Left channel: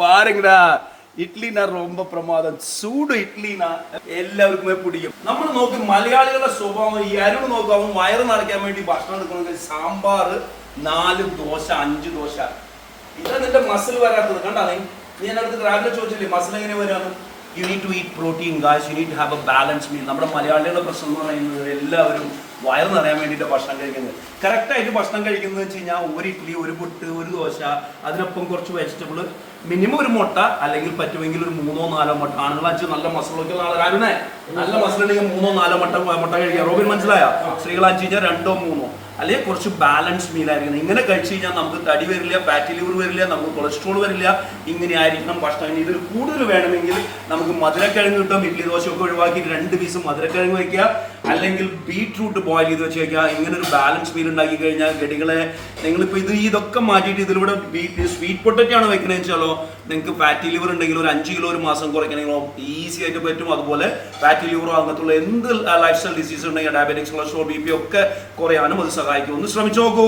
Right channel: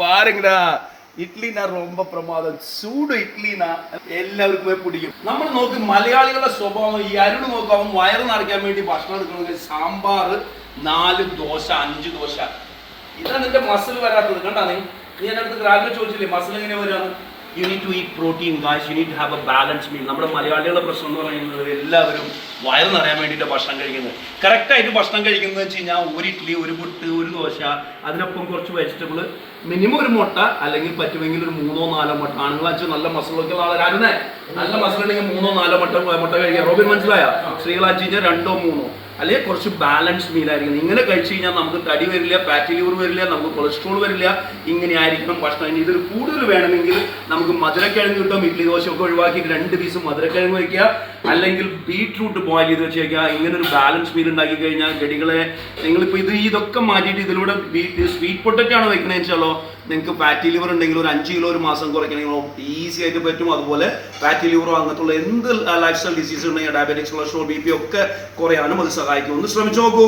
பாருங்கடா ഇഡ്ലിനാ ரொம்ப പ്രമാദം ചൂട് ഇഡ്ലിനാ എല്ലാവർക്കുമേ പിടിക്കും. നമ്മൾ നോക്ക് മലയാളികളുടെ സ്വഭാവം. ഈ അരുണ് നോക്കും, അവൻ വയറ് നിറയ്ക്കാൻ വേണ്ടി ഭക്ഷണം എടുക്കണമെങ്കിൽ സാമ്പാർ 4 ദോശ 5 ദോശ. ഇതാണ് നിന്റെ മസിൽ വരാത്തത്. കണ്ടാ നീ എൻ്റെ അടുത്ത് രാവിലെ ചോദിച്ചില്ലേ മസിൽ എങ്ങനെ വരാണ്? You need to eat protein guys, you need to have a balance meal. നമ്മുടെ മലയാളികളുടെ പ്രശ്നം എന്ന് പറയുന്നത് എല്ലാവരും വയറ് നിറയാൻ വേണ്ടിയിട്ട് ഭക്ഷണം കഴിക്കുന്നത്. കറക്റ്റായിട്ട് ഭക്ഷണം കഴിക്കുന്നത് വെച്ച് കഴിഞ്ഞാൽ ഒരു ഇഡ്ഡലി, ഒരു പുട്ട്, ഒരു ദോശ, അതിനൊപ്പം കുറച്ച് വെജിറ്റബിൾ, മിനിമം ഒരു മുട്ട, അല്ലെങ്കിൽ പറ്റുമെങ്കിൽ ഒരു 3-4 മുട്ട. ആണുങ്ങളാച്ച് നല്ല മസിലൊക്കെ രാജനെ നല്ല മസിലുണ്ടെങ്കിൽ 3-4 മുട്ട കഴിക്കാം. റോബിൻ മനസ്സിലായ? സ്ത്രീകളാച്ച് കഴിഞ്ഞാൽ 2-3, അല്ലെങ്കിൽ കുറച്ച് ബാലൻസ് മീലായിരിക്കണം. ഇങ്ങനെ കഴിച്ചു കഴിഞ്ഞാൽ നമുക്ക് തടി വരില്ല, ഫാറ്റി ലിവർ വരില്ല, നമുക്ക് കൊളസ്ട്രോൾ വരില്ല. ഇങ്ങനെ ആയിരിക്കണം ഭക്ഷണം. ഇതിൽ കൂടുതൽ വേണമെങ്കിൽ നമുക്ക് മധുരക്കിഴങ്ങ് കിട്ടും. ഇഡ്ലി ദോശ ഒക്കെ ഒഴിവാക്കിയിട്ട് 2 പീസ് മധുരക്കിഴങ്ങ് വയ്ക്കുക, അല്ലെങ്കിൽ ബീട്രൂട്ട് ബോയിൽ ചെയ്ത് വെച്ച് വയ്ക്കുക. ഇങ്ങനെ ഒരു ബാലൻസ് മീൽ ഉണ്ടാക്കി കഴിഞ്ഞാൽ ഗടികളെ നിങ്ങളിപ്പോൾ ഇതൊക്കെ മാറ്റിയിട്ട് ഇതിലൂടെ സ്വീറ്റ് പൊട്ടറ്റോ ആണ് വെക്കണമെന്ന് വെച്ചാലോ, നിങ്ങൾക്ക് ഫാറ്റി ലിവർ ഉണ്ടെങ്കിൽ ഒരു 5 കിലോ ഒരു മാസം കുറയ്ക്കണമെങ്കിലോ ഈസി ആയിട്ട് പറ്റും. അതുപോലെ ഫാറ്റി ലിവറോ അങ്ങനത്തുള്ള എന്ത് ലൈഫ് സ്റ്റൈൽ ഡിസീസ് ഉണ്ടെങ്കിൽ ഡയബറ്റിക്സ്, കൊളസ്ട്രോൾ, BP ഒക്കെ കുറയാനും അത് സഹായിക്കും. ഒന്ന് ശ്രമിച്ചു നോക്കൂ.